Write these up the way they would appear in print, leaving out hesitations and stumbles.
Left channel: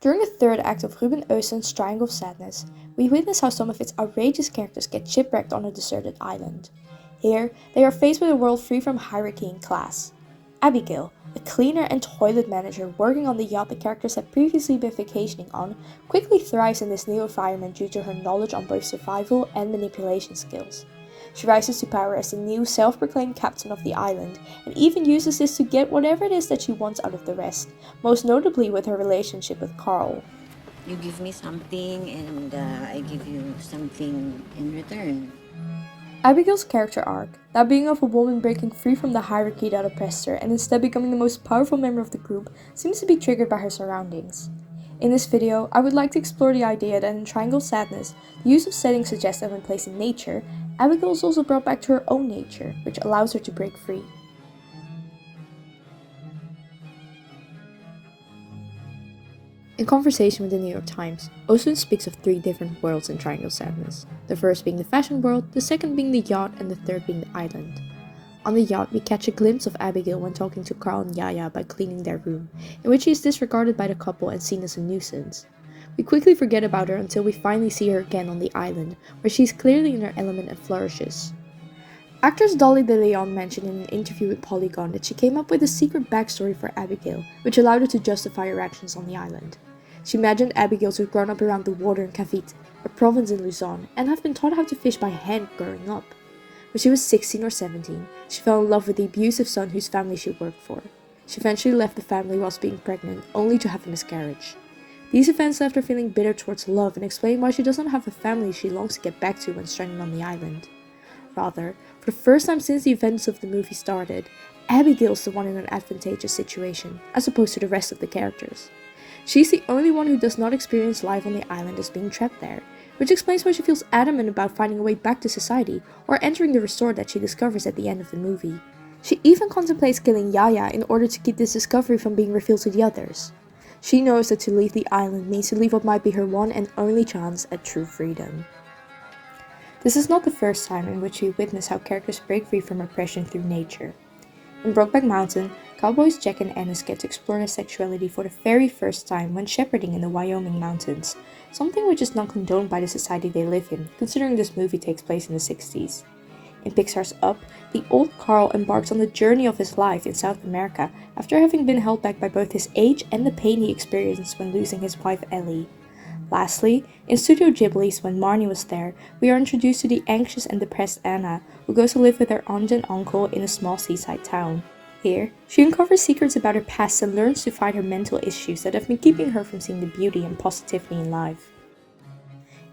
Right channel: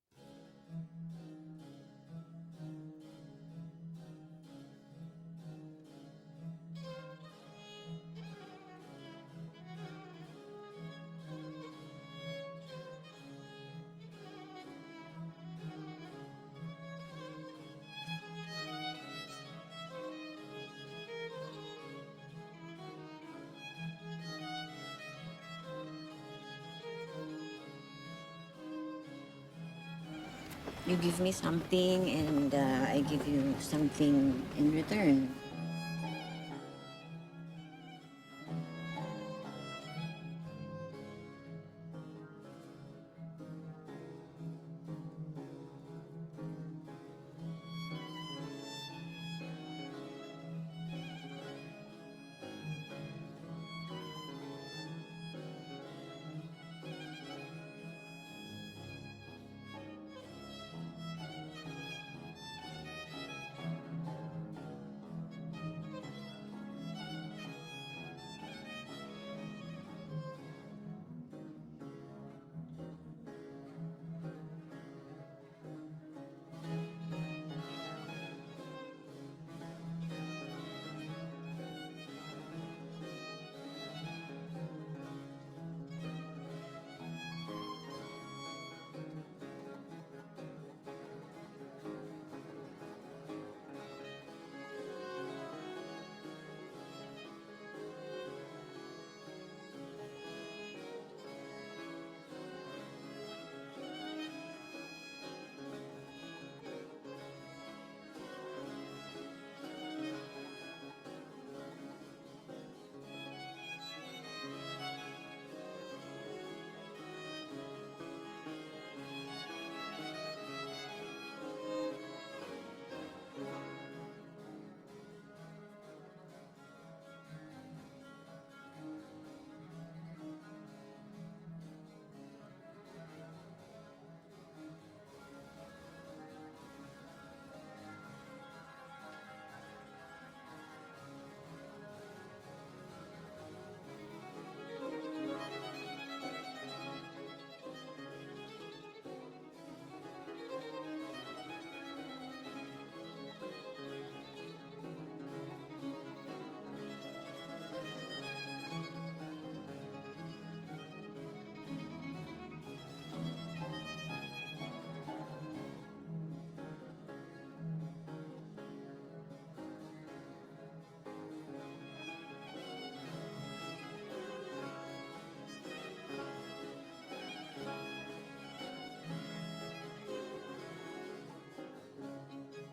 During the third act of Ruben Östlund's Triangle of Sadness, we witness how some of its outrageous characters get shipwrecked on a deserted island. Here, they are faced with a world free from hierarchy and class. Abigail, a cleaner and toilet manager working on the yacht the characters had previously been vacationing on, quickly thrives in this new environment due to her knowledge on both survival and manipulation skills. She rises to power as the new self-proclaimed captain of the island, and even uses this to get whatever it is that she wants out of the rest, most notably with her relationship with Carl. You give me something and I give you something in return. Abigail's character arc, that being of a woman breaking free from the hierarchy that oppressed her and instead becoming the most powerful member of the group, seems to be triggered by her surroundings. In this video, I would like to explore the idea that in Triangle Sadness, the use of settings suggested when placed in nature, Abigail is also brought back to her own nature, which allows her to break free. In conversation with the New York Times, Östlund speaks of three different worlds in Triangle Sadness, the first being the fashion world, the second being the yacht, and the third being the island. On the yacht, we catch a glimpse of Abigail when talking to Carl and Yaya about cleaning their room, in which she is disregarded by the couple and seen as a nuisance. We quickly forget about her until we finally see her again on the island, where she is clearly in her element and flourishes. Actress Dolly De Leon mentioned in an interview with Polygon that she came up with a secret backstory for Abigail, which allowed her to justify her actions on the island. She imagined Abigail to have grown up around the water in Cavite, a province in Luzon, and have been taught how to fish by hand growing up. When she was 16 or 17, she fell in love with the abusive son whose family she worked for. She eventually left the family whilst being pregnant, only to have a miscarriage. These events left her feeling bitter towards love and explain why she does not have a family she longs to get back to when stranded on the island. Rather, for the first time since the events of the movie started, Abigail is the one in an advantageous situation, as opposed to the rest of the characters. She's the only one who does not experience life on the island as being trapped there, which explains why she feels adamant about finding a way back to society or entering the resort that she discovers at the end of the movie. She even contemplates killing Yaya in order to keep this discovery from being revealed to the others. She knows that to leave the island means to leave what might be her one and only chance at true freedom. This is not the first time in which we witness how characters break free from oppression through nature. In Brokeback Mountain, cowboys Jack and Ennis get to explore their sexuality for the very first time when shepherding in the Wyoming mountains, something which is not condoned by the society they live in, considering this movie takes place in the 60s. In Pixar's Up, the old Carl embarks on the journey of his life in South America after having been held back by both his age and the pain he experienced when losing his wife Ellie. Lastly, in Studio Ghibli's When Marnie Was There, we are introduced to the anxious and depressed Anna, who goes to live with her aunt and uncle in a small seaside town. Here, she uncovers secrets about her past and learns to fight her mental issues that have been keeping her from seeing the beauty and positivity in life.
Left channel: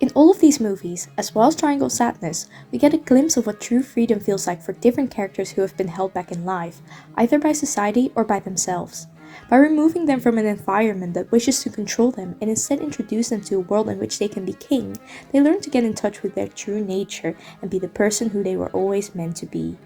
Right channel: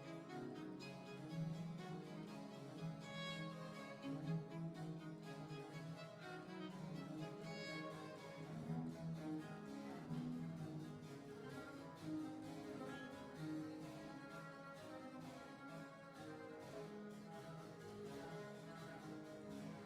In all of these movies, as well as Triangle Sadness, we get a glimpse of what true freedom feels like for different characters who have been held back in life, either by society or by themselves. By removing them from an environment that wishes to control them and instead introduce them to a world in which they can be king, they learn to get in touch with their true nature and be the person who they were always meant to be.